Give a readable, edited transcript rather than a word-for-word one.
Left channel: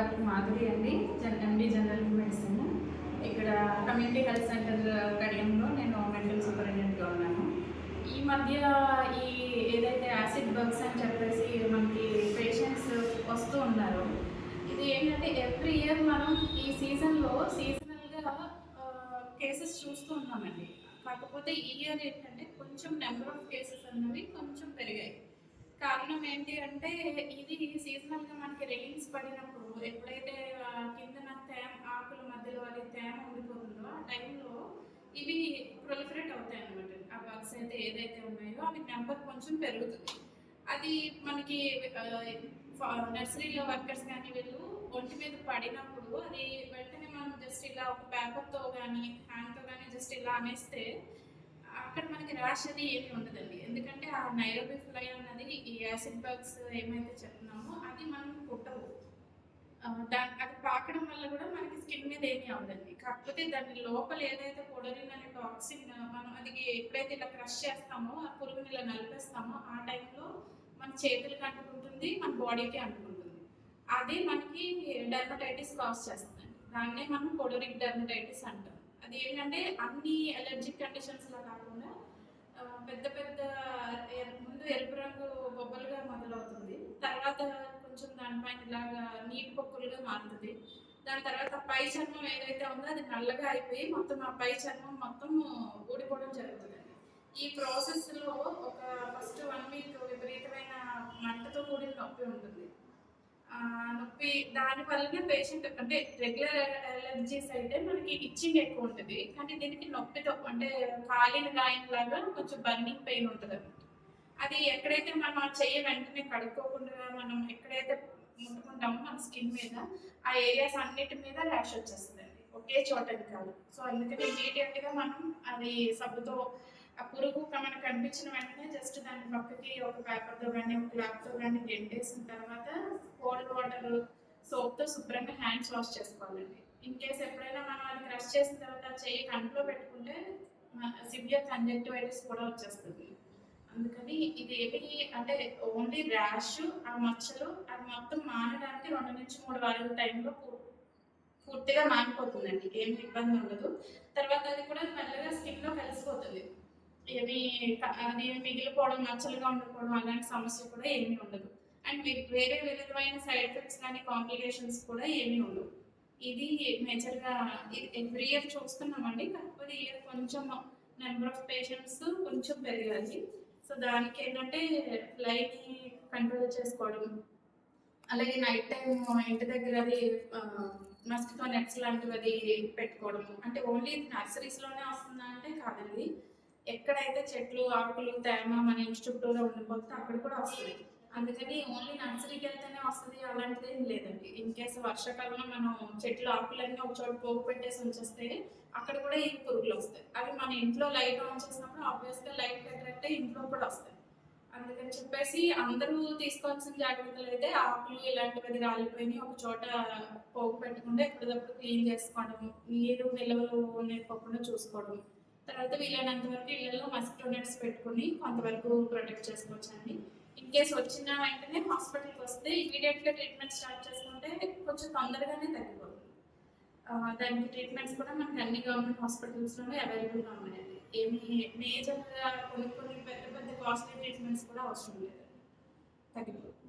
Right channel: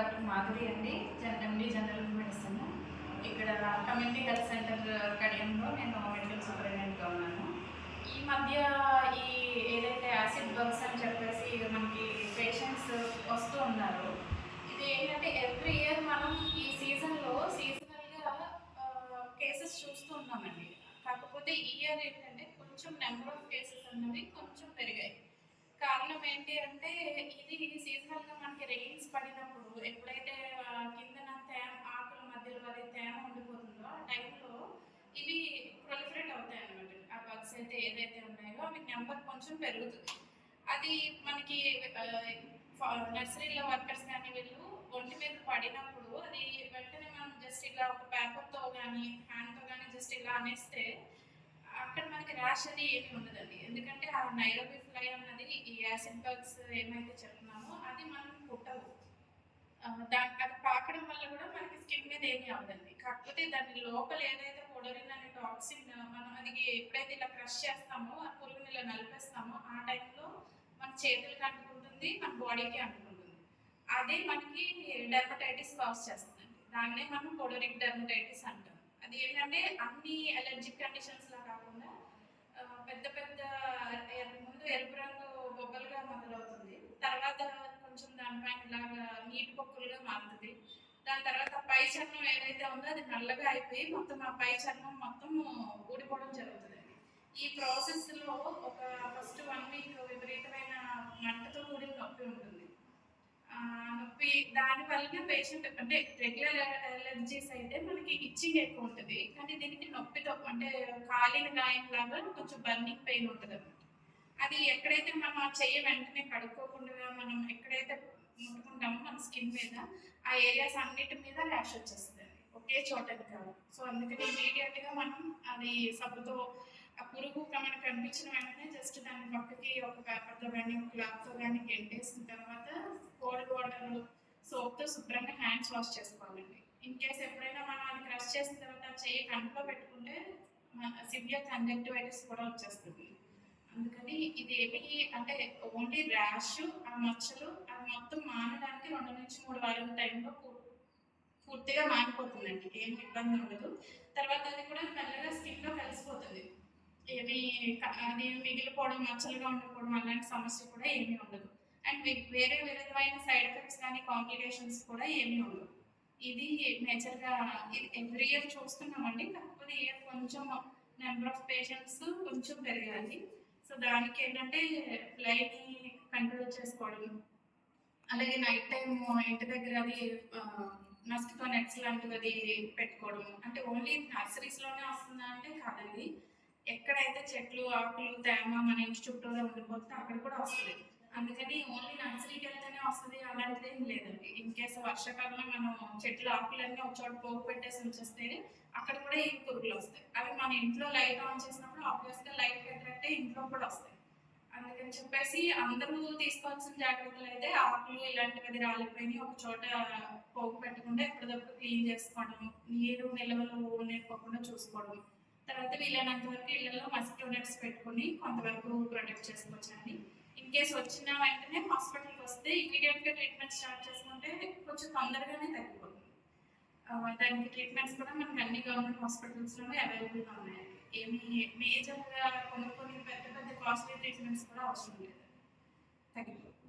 Doctor Madhuri అండి, ఎండి general medicine. ఇక్కడ community health centre కడియంలో నేను మెడికల్ సూపరింటెండెంట్గా ఉన్నాను. ఈ మధ్య ఈ ఏదైతే యాసిడ్ బగ్స్ అని చెప్పేసి మనకి పేషెంట్స్ వస్తూ ఉన్నారు. ఇది ఏంటంటే ఎవ్రీ ఇయర్ మనం ఈ సీజనల్గా కేసెస్ చూస్తూ ఉన్నామండి. కాకపోతే ఈ ఇయర్ ఏంటంటే కొంచెం నెంబర్ ఆఫ్ కేసెస్ అన్నవి కొంచెం పెరిగాయి. కారణం ఏంటి అంటే ఇది సీజనల్గా మనకి రెయిన్స్ పడినప్పుడు ఎప్పుడైతే కిందన ఆకుల మధ్యలో అది తేమ ఉండిపోతుందో ఆ టైంలో ఇవి ప్రొలిఫరేట్ అవుతాయి అన్నమాట. ఆ బగ్స్ అయితే ఏదైతే ఉన్నాయో అవి నెంబర్ కొంచెం పెరుగుతుంది. అది మనకి నర్సరీలో వర్కర్స్ కానీ వీళ్ళు ఒంటి మీద పడినప్పుడు అది వెంటనే మనం జస్ట్ ఇలా ఒక పేపర్తో కానీ హ్యాండ్తో కానీ జస్ట్ ఇలా అనేస్తే అక్కడ మనకి ర్యాష్ అది ఏమి ఉండదండి. ఎందుకంటే ఆ నైరోబి ఫ్లై అన్నది ఈ యాసిడ్ బగ్స్ ఏమైతే చెప్తున్నామో అది మనం పుట్టవు. అది పాకడం వల్ల కూడా మనకి స్కిన్ మీద ఏమీ అవ్వదండి. కాకపోతే దాని లోపల ఏదైతే కొడరిన్ అనే టాక్సిన్ మనం అది ఎప్పుడైతే ఇలా క్రష్ చేస్తామో ఆ పురుగుని ఇలా నలిపేస్తామో ఆ టైంలో మన చేతులకు అంటుకుంటుంది, మన బాడీకి అంటుకుంటుంది. అదే మనకి డెర్మటైటిస్ కాజ్ చేస్తుందండి. దాన్నే మనం కొడరిక్ డెర్మటైటిస్ అంటాం. అది ఏంటంటే అన్ని అలర్జిక్ కండిషన్స్లా కాకుండా పెద్ద పెద్ద ముందు ఎరుపు రంగు బొబ్బలుగా మొదలవుతుంది, తర్వాత కొంచెం దానిపైన ఇలాగా నీటి పొక్కులుగా మారుతుంది. దాని తర్వాత పై చర్మం ఏదైతే ఉందో అది నల్లగా అయిపోయి మొత్తం ఆ పై చర్మం మొత్తం ఊడిపోవడం జరుగుతుందండి. ఈ ప్రాసెస్లో ఒక ఫస్ట్ 1 వీక్ విపరీతమైన మంటతో కూడిన నొప్పి ఉంటుంది. నొప్పి దాని వల్లనే పేషెంట్ అంటే రెగ్యులర్ అలర్జీస్ అయితే మనకి ఇచ్చింగ్ ఎక్కువ ఉంటుంది, కానీ దీనికి నొప్పితో అంటే కాలిన గాయం లాగా కొంచెం బర్నింగ్ పెయిన్ ఉంటుంది అనమాట. అది ఎక్కడైతే మనం చెయ్యి వెంటనే కడుక్కోకుండా మనం ఎక్కడైతే ముట్టుకుంటామో మన స్కిన్ మీద ఆ ఏరియాస్ అన్నిటి మీద ర్యాష్ వచ్చేస్తుందండి, ఒకే చోటది కాదు. సో అందుకని ఇమీడియట్గా మనం అది సబ్బుతో ఆ పురుగు మనకు కనిపించిన వెంటనే జస్ట్ దాన్ని పక్కకి ఒక పేపర్తో కానీ ఒక క్లాత్తో కానీ గెంటేసిన తర్వాత కోల్డ్ వాటర్ సోప్తో శుభ్రంగా హ్యాండ్స్ వాష్ చేసుకోవాలండి. ఇన్ కేస్ ఎప్పుడైనా మనం అది క్రష్ చేసిన తర్వాత చెయ్యి కంట్లో పెట్టుకుంటే సివియర్ కంజక్టివైటిస్ కూడా వచ్చేస్తుంది. అందుకని ఇది ఏమి అంటే ఓన్లీ ర్యాష్, ఆ మచ్చలు అది మొత్తం మానడానికి 2 నుంచి 3 వారాల టైంలో పూర్తిగా మానిపోతుందండి, ఏమి ఇబ్బంది ఉండదు. తర్వాత అది కూడా మెల్లగా స్కిన్లో కలిసిపోతుంది. ఏమి అది మిగిలిపోవడం, మచ్చలుగా ఉండిపోవడం అలాంటి సమస్య కూడా ఏమీ ఉండదు. అండ్ వేరే విధమైన సైడ్ ఎఫెక్ట్స్ కానీ కాంప్లికేషన్స్ కూడా ఏమీ ఉండవు. ఇది మేజర్గా ఇది ఎవ్రీ ఇయర్ చూస్తున్నామండి. కాకపోతే ఇయర్ కొంచెం నెంబర్ ఆఫ్ పేషెంట్స్ కొంచెం పెరిగాయి. సో దానికి ఏంటంటే ఫ్లైని కంట్రోల్ చేసుకోవడం, అలాగే నైట్ టైం ఇంటి దగ్గర అది మస్కిటో నెట్స్ లాంటివి అది పెట్టుకోవడం. అంటే ఓన్లీ నర్సరీస్లోనే వస్తుందా అంటే కాదండి, ఎక్కడైతే చెట్లు ఆకులు తేమ మన ఇంటి చుట్టూరా ఉండిపోతే అక్కడ కూడా వస్తుంది. అందుకని ఓన్లీ నర్సరీకి వెళ్తేనే వస్తుంది అలాంటిది ఏం లేదండి. ఇన్ కేసు వర్షాకాలంలో మనం చెట్లు ఆకులన్నీ ఒక చోట పోగు పెట్టేసి ఉంచేస్తే అక్కడ కూడా ఈ పురుగులు వస్తాయి. అవి మన ఇంట్లో లైట్ ఆన్ చేసినప్పుడు ఆబ్వియస్గా లైట్ అట్రాక్ట్ అయ్యి ఇంట్లో కూడా వస్తాయి. అందుకని చెప్పేసి అందరూ తీసుకోవాల్సిన జాగ్రత్తలు అయితే ఆకులు ఇలాంటివి రాలిపోయినాయి ఒక చోట పోగు పెట్టుకుంటే ఎప్పటికప్పుడు క్లీన్ చేసుకోవడం, నీరు నిల్వలు నింపకుండా చూసుకోవడం. తర్వాత వీలైనంత వరకు ఇళ్లలో మస్కిటో నెట్స్ పెట్టుకుని కొంతవరకు ప్రొటెక్ట్ చేసుకోవచ్చండి. ఇన్ కేసు వచ్చిన వెంటనే హాస్పిటల్కి వస్తే ఇమీడియట్గా ట్రీట్మెంట్ స్టార్ట్ చేసుకుంటే కొంచెం తొందరగానే తగ్గిపోతుంది. దానికి ట్రీట్మెంట్స్ కూడా మనకి అన్ని గవర్నమెంట్ హాస్పిటల్స్లోనే అవైలబుల్గా ఉన్నాయండి. ఏమి మేజర్గా కొన్ని పెద్ద పెద్ద కాస్ట్లీ ట్రీట్మెంట్స్ కూడా అవసరం లేదు, తగ్గిపోతుంది.